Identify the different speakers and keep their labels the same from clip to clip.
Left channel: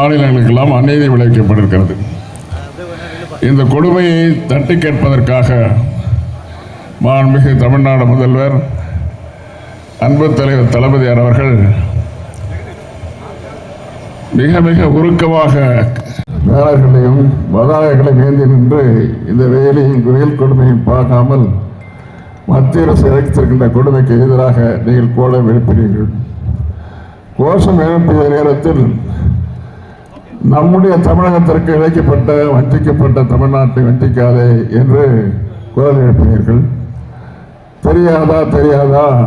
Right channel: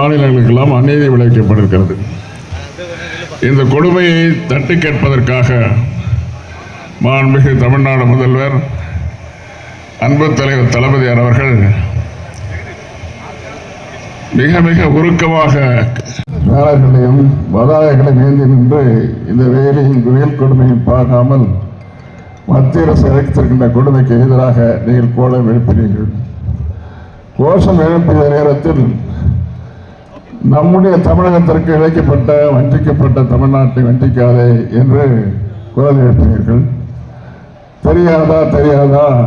Speaker 1: மாநிலங்களுக்கெல்லாம் அநீதி விளைவிக்கப்பட்டிருக்கிறது. இந்த கொடுமையை தட்டி கேட்பதற்காக மாண்புமிகு தமிழ்நாடு முதல்வர் அன்பு தலைவர் தளபதியார் அவர்கள் மிக மிக உருக்கமாக வேலைகளையும் வதாயங்களையும் ஏந்தி நின்று இந்த வேலையின் வெயில் கொடுமையும் பார்க்காமல் மத்திய அரசு இழைத்திருக்கின்ற கொடுமைக்கு எதிராக நீங்கள் கோலம் எழுப்பினீர்கள். கோஷம் எழுப்பிய நேரத்தில் நம்முடைய தமிழகத்திற்கு இழைக்கப்பட்ட வஞ்சிக்கப்பட்ட தமிழ்நாட்டை வஞ்சிக்காதே என்று குரல் எழுப்பினீர்கள். தெரியாதா தெரியாதா?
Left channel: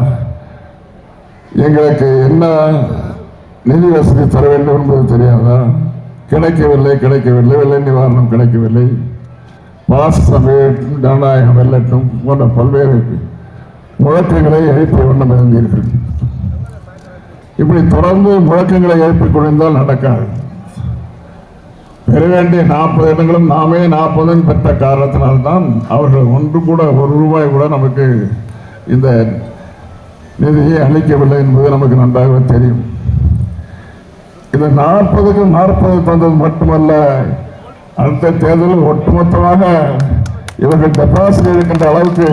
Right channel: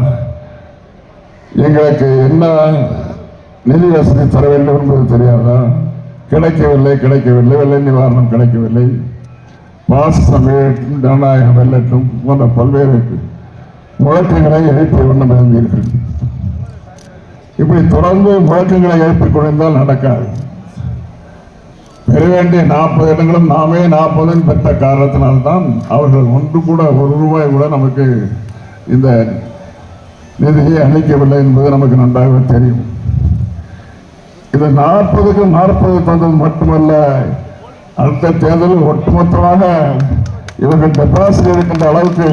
Speaker 1: எங்களுக்கு என்ன நிதி வசதி தர வேண்டும் என்பது தெரியாதா? கிடைக்கவில்லை கிடைக்கவில்லை. வெள்ள நிவாரணம் கிடைக்கவில்லை. பாசமே ஜனநாயகம் வெல்லட்டும் போன்ற பல்வேறு முழக்கங்களை எழுப்பி வண்ணம் இருந்தீர்கள் இப்படி தொடர்ந்து முழக்கங்களை எழுப்பிக் கொண்டிருந்தால் நடக்காது. பெற வேண்டிய நாற்பது இடங்களும் நாமே நாற்பதும் பெற்ற காரணத்தினால்தான் அவர்கள் ஒன்று கூட ஒரு ரூபாய் கூட நமக்கு இந்த நிதியை அளிக்கவில்லை என்பது நமக்கு நன்றாக தெரியும். இது நாற்பதுக்கு நாற்பது தந்தது மட்டுமல்ல அடுத்த தேர்தலில் ஒட்டுமொத்தமாக இவர்கள் டெபாசிட் இருக்கின்ற அளவுக்கு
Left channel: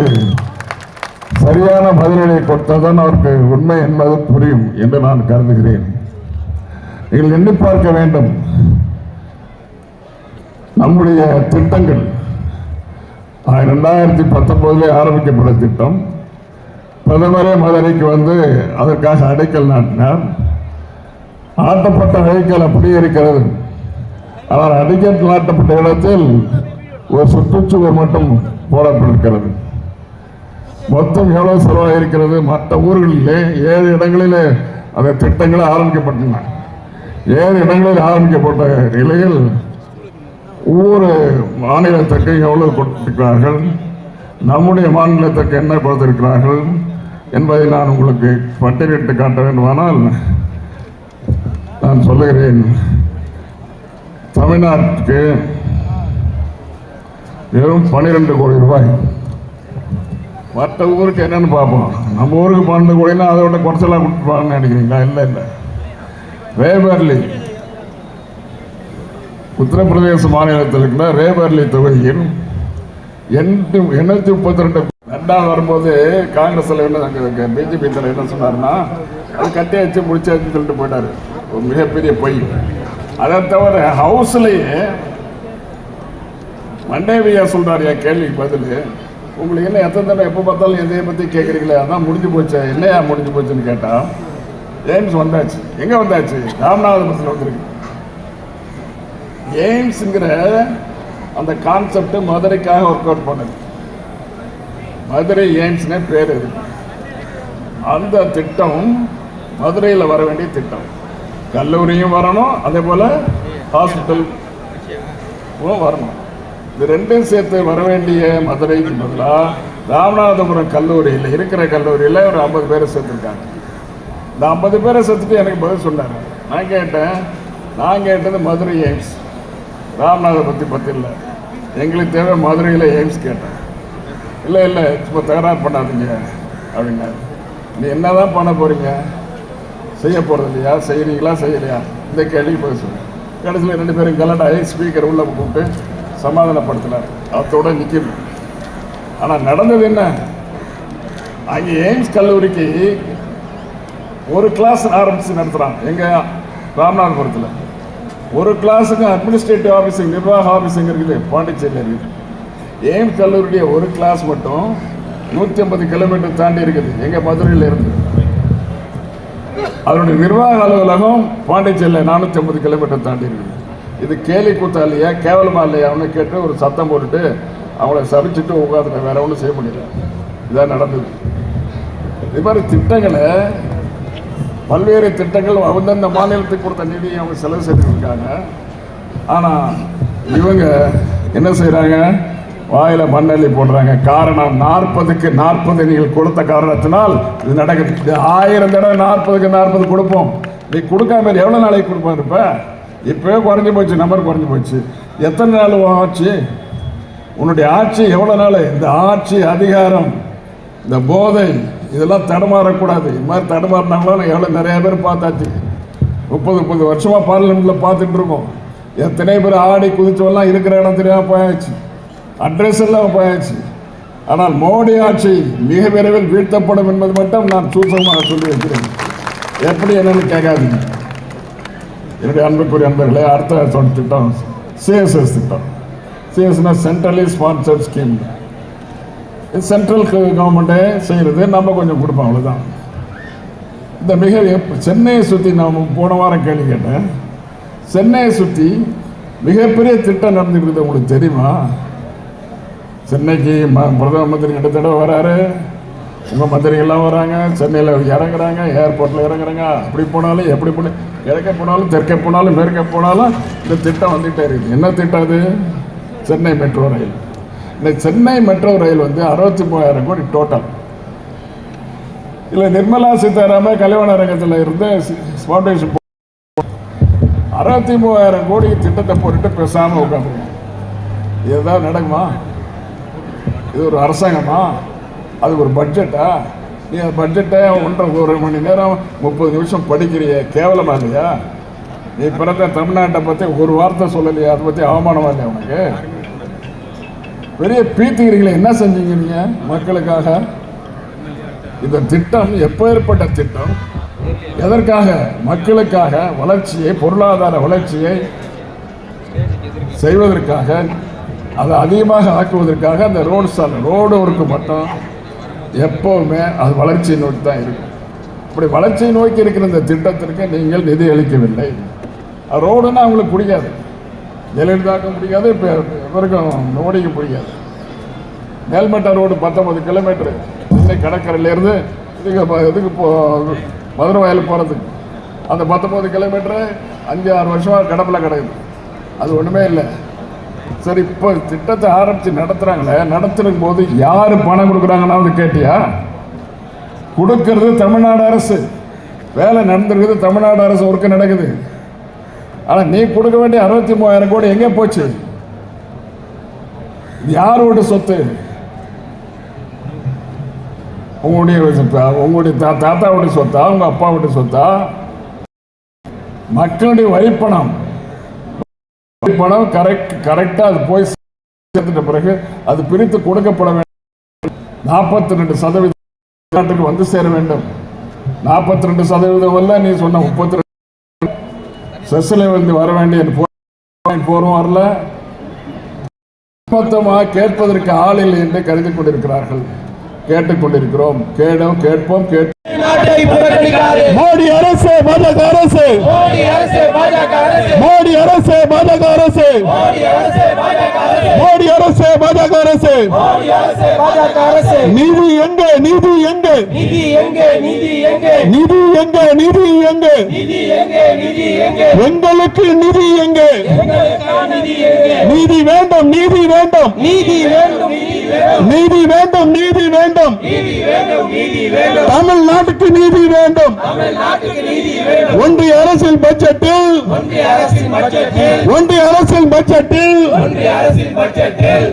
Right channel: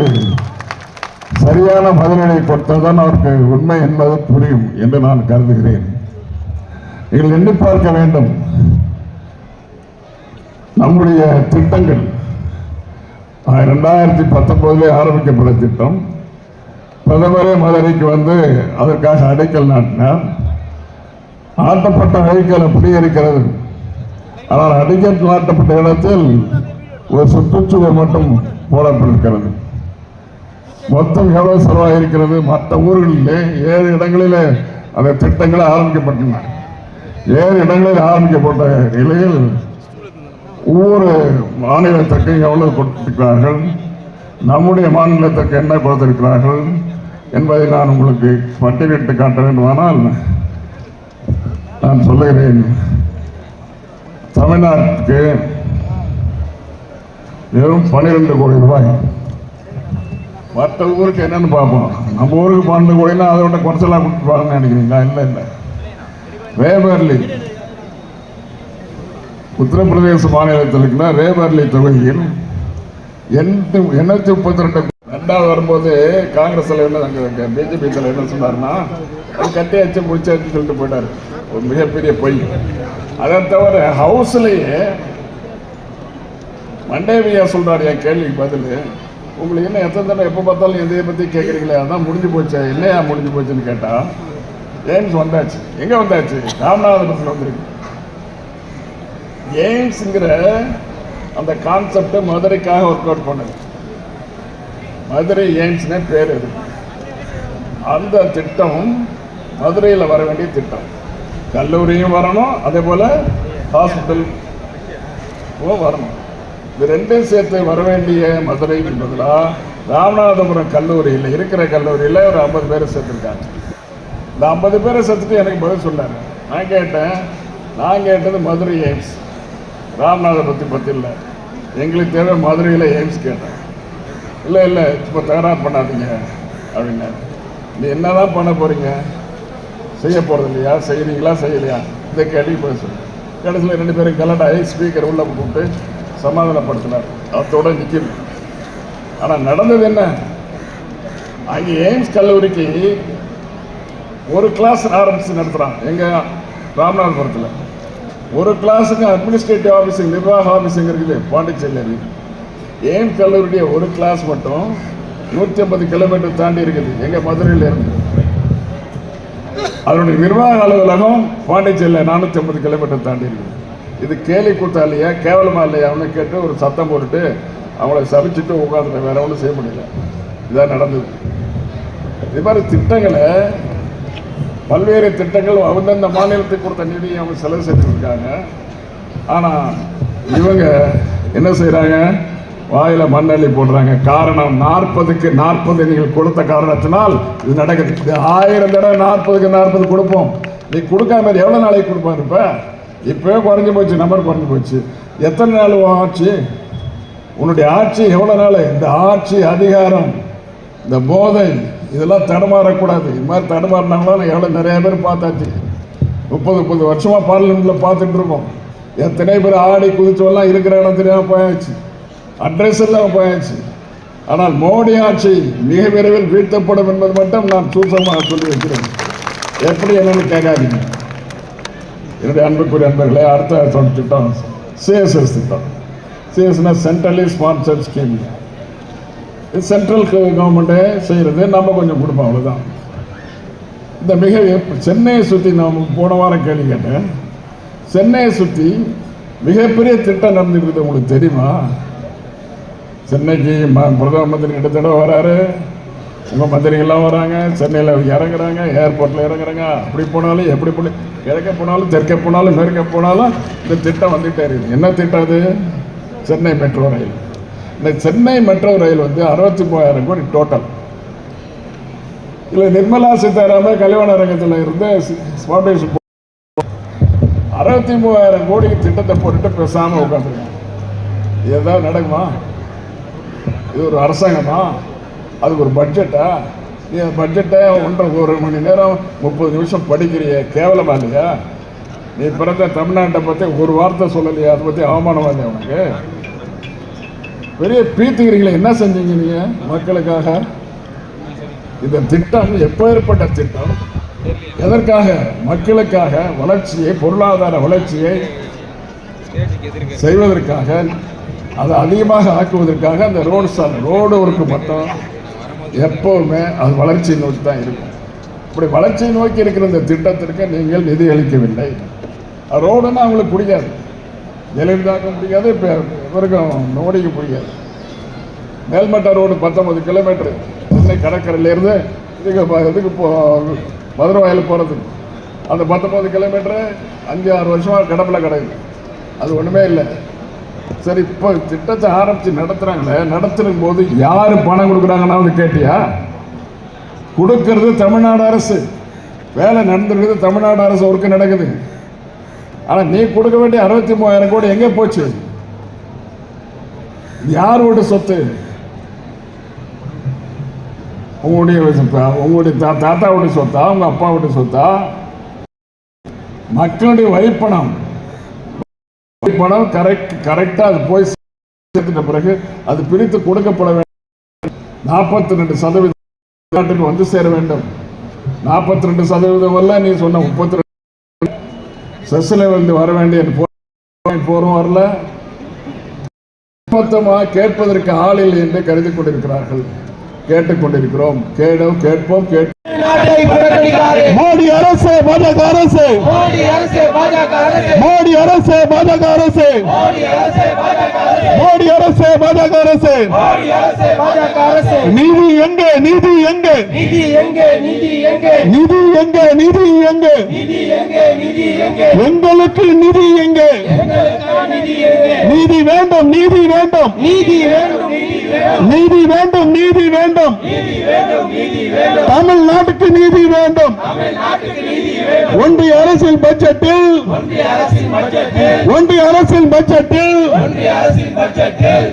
Speaker 1: சரியான பதிலனை கொடுத்ததான் அவருக்கு உண்மை என்பது புரியும் என்று நான் கருதுகிறேன். நீங்கள் எண்ணி பார்க்க வேண்டும். நம்முடைய திட்டங்கள். ரெண்டாயிரத்தி பத்தொன்பதுல ஆரம்பிக்கப்பட்ட திட்டம். பிரதமரே மதுரைக்கு வந்து அதற்காக அடைக்கல் நாட்டினார். ஆட்டப்பட்ட அடைக்கல் அப்படியே இருக்கிறது ஆனால் அடிக்கல் நாட்டப்பட்ட இடத்தில் ஒரு சுற்றுச்சுவர் மட்டும் போடப்பட்டிருக்கிறது. மொத்தம் எவ்வளவு செலவாயிருக்கிறது. மற்ற ஊர்களிலே ஏழு இடங்களிலே அந்த திட்டங்கள் ஆரம்பிக்கப்பட்டன. ஏழு இடங்களில் ஆரம்பிக்கப்பட்ட நிலையில் ஒவ்வொரு மாநிலத்துக்கு எவ்வளவு கொடுத்திருக்கிறார்கள்? நம்முடைய மாநிலத்துக்கு என்ன கொடுத்திருக்கிறார்கள்? என்பதை நான் உங்களுக்கு பட்டியலிட்டு காட்ட வேண்டுமானால் நான் சொல்லுகிறேன். தமிழ்நாட்டுக்கு வெறும் பன்னிரெண்டு கோடி ரூபாய். மற்ற ஊருக்கு என்னன்னு பார்ப்போம். நம்ம ஊருக்கு பன்னெண்டு கோடினா அதோட குறைச்சலாக கொடுத்துருப்பாங்கன்னு நினைக்கிறீங்களா? இல்லை இல்லை. வேபர்லி உத்தரப்பிரதேச மாநிலத்தில் இருக்கிற ரேபர்லி தொகுதியில் எண்ணூத்தி எண்ணூத்தி முப்பத்தி ரெண்டு ரெண்டாவது வரும்போது காங்கிரஸ் தலைவர் பிஜேபி தலைவர் என்ன சொன்னார்னா அது கட்டியாச்சு முடிச்சாச்சுன்னு சொல்லிட்டு போயிட்டார். ஒரு மிகப்பெரிய பொய். அதை தவிர ஹவுஸ்லேயே மண்டேவியா சொல்றாரு என் கேள்விக்கு பதில். உங்களுக்கு என்ன எத்தனை தடவை எப்போ பார்த்தாலும் எதையை பற்றி கேட்குறீங்களே அதான் முடிஞ்சு போச்சு என்னையா முடிஞ்சு போச்சுன்னு கேட்டால் ஏன்ஸ் வந்தாச்சு. எங்கே வந்தாச்சு? ராமநாதபுரத்தில் வந்திருக்கு. எய்ம்ஸுங்கிற அந்த கான்செப்டை மதுரைக்காக ஒர்க் அவுட் பண்ணது. மதுரை எய்ம்ஸ்னே பேர் இருக்கு அந்த திட்டம் மதுரையில் வர வேண்டிய திட்டம். கல்லூரியும் வரணும் அதே போல் ஹாஸ்பிட்டல் வரணும். இது ரெண்டும் சேர்த்து வர வேண்டிய மதுரைக்கு பதிலாக ராமநாதபுரம் கல்லூரியில் இருக்கிற கல்லூரியில் ஒரு ஐம்பது பேரை சேர்த்துருக்காங்க. இந்த ஐம்பது பேரை சேர்த்துட்டு எனக்கு பதில் சொன்னாங்க நான் கேட்டேன் நான் கேட்டது மதுரை எய்ம்ஸ் ராம்நாதை பற்றி பற்றி இல்லை எங்களுக்கு தேவை மதுரையில் எய்ம்ஸ் கேட்டேன் இல்லை இல்லை சும்மா தகராறு பண்ணாதீங்க அப்படின்னா. நீ என்னதான் பண்ண போகிறீங்க செய்ய போகிறது இல்லையா? செய்யறீங்களா? செய்யலையா? இந்த கேள்வி பேசுவேன் கடைசியில் ரெண்டு பேரும் கலடாகி ஸ்பீக்கர் உள்ள கூப்பிட்டு சமாதானப்படுத்தினார் அதோட நிற்கிறது ஆனால் நடந்தது என்ன? அங்கே எய்ம்ஸ் கல்லூரிக்கு ஒரு கிளாஸ் ஆரம்பித்து நடத்துகிறான் எங்கள் ராமநாதபுரத்தில் ஒரு கிளாஸுக்கு அட்மினிஸ்ட்ரேட்டிவ் ஆஃபீஸிங் நிர்வாக ஆஃபீஸிங் இருக்குது. பாண்டிச்சேரியில் இருக்குது. கல்லூரிய கல்லூரியுடைய ஒரு கிளாஸ் மட்டும் நூற்றி ஐம்பது கிலோமீட்டர் தாண்டி இருக்குது? எங்கள் மதுரையில் இருந்து. அவருடைய நிர்வாக அலுவலகம் பாண்டிச்சேரியில் நானூற்றி ஐம்பது கிலோமீட்டர் தாண்டி இருக்குது. இது கேலி கூத்தா இல்லையா கேவலமா இல்லையான்னு கேட்டு ஒரு சத்தம் போட்டுட்டு அவங்கள சபிச்சுட்டு உட்காந்துட்டேன் வேற ஒன்றும் செய்ய முடியல. இதான் நடந்தது. இது மாதிரி திட்டங்களை பல்வேறு திட்டங்கள் அந்தந்த மாநிலத்துக்கு கொடுத்த நிதியை அவங்க செலவு செஞ்சுருக்காங்க. ஆனால் இவங்க என்ன செய்கிறாங்க வாயில் மண்ணள்ளி போடுறாங்க. காரணம் நாற்பதுக்கு நாற்பது நீங்கள் கொடுத்த காரணத்தினால் இது நடக்குது. இது ஆயிரம் தடவை நாற்பதுக்கு நாற்பது கொடுப்போம். நீ கொடுக்காம எவ்வளோ நாளைக்கு கொடுப்பா இருப்ப? இப்போவே குறைஞ்சி போச்சு நம்பர் குறைஞ்சி போச்சு. எத்தனை நாள் உன் ஆட்சி? உன்னுடைய ஆட்சி எவ்வளோ நாள்? இந்த ஆட்சி அதிகாரம் இந்த போதை இதெல்லாம் தடுமாறக்கூடாது. இது மாதிரி தடுமாறினாங்களும் எவ்வளோ நிறைய பேர் பார்த்தாச்சு. முப்பது முப்பது வருஷமாக பார்லிமெண்ட்டில் பார்த்துட்டு இருக்கோம் எத்தனை பேர் ஆடி குதிச்சவெல்லாம் இருக்கிற இடம் தெரியாமல் போயாச்சு. அட்ரஸ் எல்லாம் போயாச்சு. ஆனால் மோடி ஆட்சி மிக விரைவில் வீழ்த்தப்படும் என்பது மட்டும் நான் சூசமாக சொல்லி வைக்கிறேன். எப்படி என்னன்னு கேட்காதீங்க. என்னுடைய அன்புக்குரிய அன்பர்களே அடுத்த திட்டம் சிஎஸ்எஸ் திட்டம். சிஎஸ்னா சென்ட்ரலி ஸ்பான்சர் ஸ்கீம் சென்ட்ரல் கவர்மெண்ட்டே செய்கிறது நம்ம கொஞ்சம் கொடுப்போம் அவ்வளோதான் இந்த மிக சென்னையை சுற்றி நாம் போன வாரம் கேள்வி கேட்டேன். சென்னையை சுற்றி மிகப்பெரிய திட்டம் நடந்துருக்குது உங்களுக்கு தெரியுமா? சென்னைக்கு ம- பிரதம மந்திரி ரெண்டு தடவை வராரு. நம்ம மந்திரிகள்லாம் வராங்க. சென்னையில் இறங்குறாங்க ஏர்போர்ட்டில் இறங்குறாங்க. அப்படி போனாலும் எப்படி போன கிழக்க போனாலும் தெற்கே போனாலும் மேற்கே போனாலும் இந்த திட்டம் வந்துகிட்டே இருக்கு. என்ன திட்டம் அது? Chennai metro rail. இந்த சென்னை மெட்ரோ ரயில் வந்து அறுபத்தி மூவாயிரம் கோடி டோட்டல் இதில் நிர்மலா சீதாராமன் கல்யாண அரங்கத்தில் இருந்து ஃபவுண்டேஷன் அறுபத்தி மூவாயிரம் கோடிக்கு திட்டத்தை போட்டுட்டு பேசாமல் உட்காந்துருக்காங்க இது ஏதாவது நடக்குமா? இது ஒரு அரசாங்கமா? அது ஒரு பட்ஜெட்டா நீ அந்த பட்ஜெட்டை ஒன்றரை ஒரு மணி நேரம் முப்பது நிமிஷம் படிக்கிறிய கேவலமா இல்லையா? நீ பிறந்த தமிழ்நாட்டை பற்றி ஒரு வார்த்தை சொல்லலையா அதை பற்றி அவமானமா இல்லையா உனக்கு? பெரிய பீத்துக்கிறீங்களே என்ன செஞ்சீங்க நீங்க மக்களுக்காக? இந்த திட்டம் எப்போ ஏற்பட்ட திட்டம்? எதற்காக? மக்களுக்காக வளர்ச்சியை பொருளாதார வளர்ச்சியை செய்வதற்காக அதை அதிகமாக ஆக்குவதற்காக அந்த ரோடு சாலை ரோடு ஒர்க்கு மட்டும் எப்பவுமே அது வளர்ச்சியை நோக்கி தான் இருக்கும் இப்படி வளர்ச்சியை நோக்கி இருக்கிற இந்த திட்டத்திற்கு நீங்கள் நிதி அளிக்கவில்லை. ரோடுன்னா அவங்களுக்கு பிடிக்காது ஜெயலலிதாவுக்கும் பிடிக்காது இப்போ இவருக்கும் மோடிக்கும் பிடிக்காது. மேல்மட்ட ரோடு பத்தொன்பது கிலோமீட்டர் சென்னை கடற்கரையிலேருந்து இதுக்கு இதுக்கு போ மதுரை வயல் போகிறதுக்கு அந்த பத்தொம்பது கிலோமீட்டரு அஞ்சு ஆறு வருஷம் கடப்பில் கிடக்குது அது ஒன்றுமே இல்லை. சரி இப்போ திட்டத்தை ஆரம்பித்து நடத்துகிறாங்களே நடத்தும் போது யார் பணம் கொடுக்குறாங்கன்னா வந்து கேட்டியா? கொடுக்கறது தமிழ்நாடு அரசு. வேலை நடந்திருக்குது தமிழ்நாடு அரசு ஒர்க்கு நடக்குது. ஆனால் நீ கொடுக்க வேண்டிய அறுபத்தி மூவாயிரம் கோடி எங்கே போச்சு? யார் யாரோட சொத்து? உங்களுடைய உங்களுடைய தா தாத்தாவுடைய சொத்தா? உங்க அப்பாவோட சொத்தா? மக்களுடைய வரிப்பணம். வரிப்பணம் கரெக்ட் கரெக்டா அது போய் சேர்த்துட்ட பிறகு அது பிரித்து கொடுக்கப்பட வேண்டும். நாற்பத்தி ரெண்டு சதவீதம் நாட்டுக்கு வந்து சேர வேண்டும். நாற்பத்தி ரெண்டு சதவீதம் வரல நீ சொன்ன முப்பத்தி செஸ்ல வந்து வர வேண்டிய போரும் வரல. மொத்தமாக கேட்பதற்கு ஆள் இல்லை என்று கருதி கொண்டிருக்கிறார்கள். கேட்டுக்கொண்டிருக்கிறோம் கேடும் கேட்போம்.
Speaker 2: மோடி அரசு பாஜக அரசு.
Speaker 3: மோடி அரசே பாஜக அரசே.
Speaker 2: மோடி அரசு பாஜக அரசு. நிதி எங்க நிதி எங்க?
Speaker 3: நீதி எங்க நீதி எங்க?
Speaker 2: நிதி எங்க நிதி எங்க? எங்களுக்கு நிதி எங்க?
Speaker 3: நிதி
Speaker 2: வேண்டும் நீதி வேண்டும்.
Speaker 3: நீதி வேண்டும் நீதி வேண்டும்
Speaker 2: நீதி வேண்டும். தமிழ்நாட்டுக்கு நீதி வேண்டும். ஒன்றிய அரசியல் பட்ஜெட்டில்.
Speaker 3: ஒன்றிய
Speaker 2: அரசியல் பட்ஜெட்டில்.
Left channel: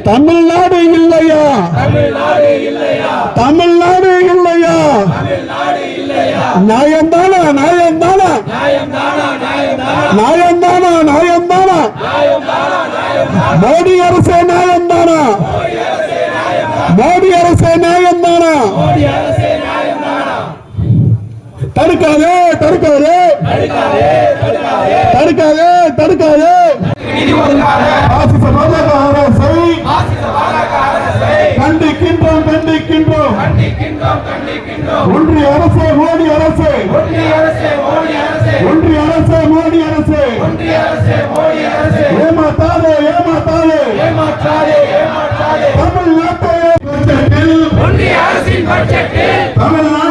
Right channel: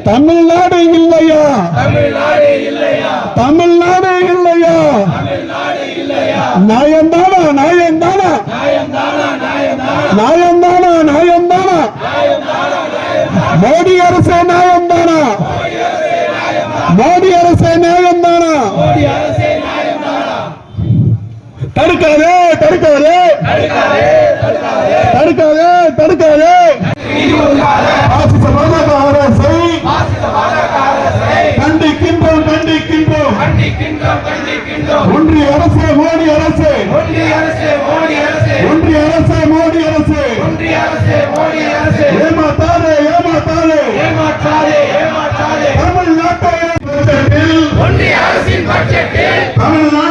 Speaker 2: தமிழ்நாடு இல்லையா?
Speaker 3: தமிழ்நாடு இல்லையா? நியாயம் தானா நியாயம் தானா நியாயம்
Speaker 2: தடுக்காதே தடுக்காதே. தடுக்காதே தடுக்காதே.
Speaker 3: கண்டிக்கின்றோம் கண்டிக்கின்றோம்.
Speaker 2: ஒன்றிய அரசே மோடி அரசே.
Speaker 3: ஒன்றிய அரசே மோடி அரசே.
Speaker 2: ஒன்றிய அரசே மோடி அரசே
Speaker 3: ஒன்றிய அரசே மோடி அரசே
Speaker 2: ஏமாத்தாதே ஏமாத்தாதே.
Speaker 3: ஏமாற்றாதே ஏமாற்றாதே
Speaker 2: தமிழ்நாட்டை பட்ஜெட்டில்
Speaker 3: ஒன்றிய அரசின் பட்ஜெட்டில்
Speaker 2: தமிழ்நாடு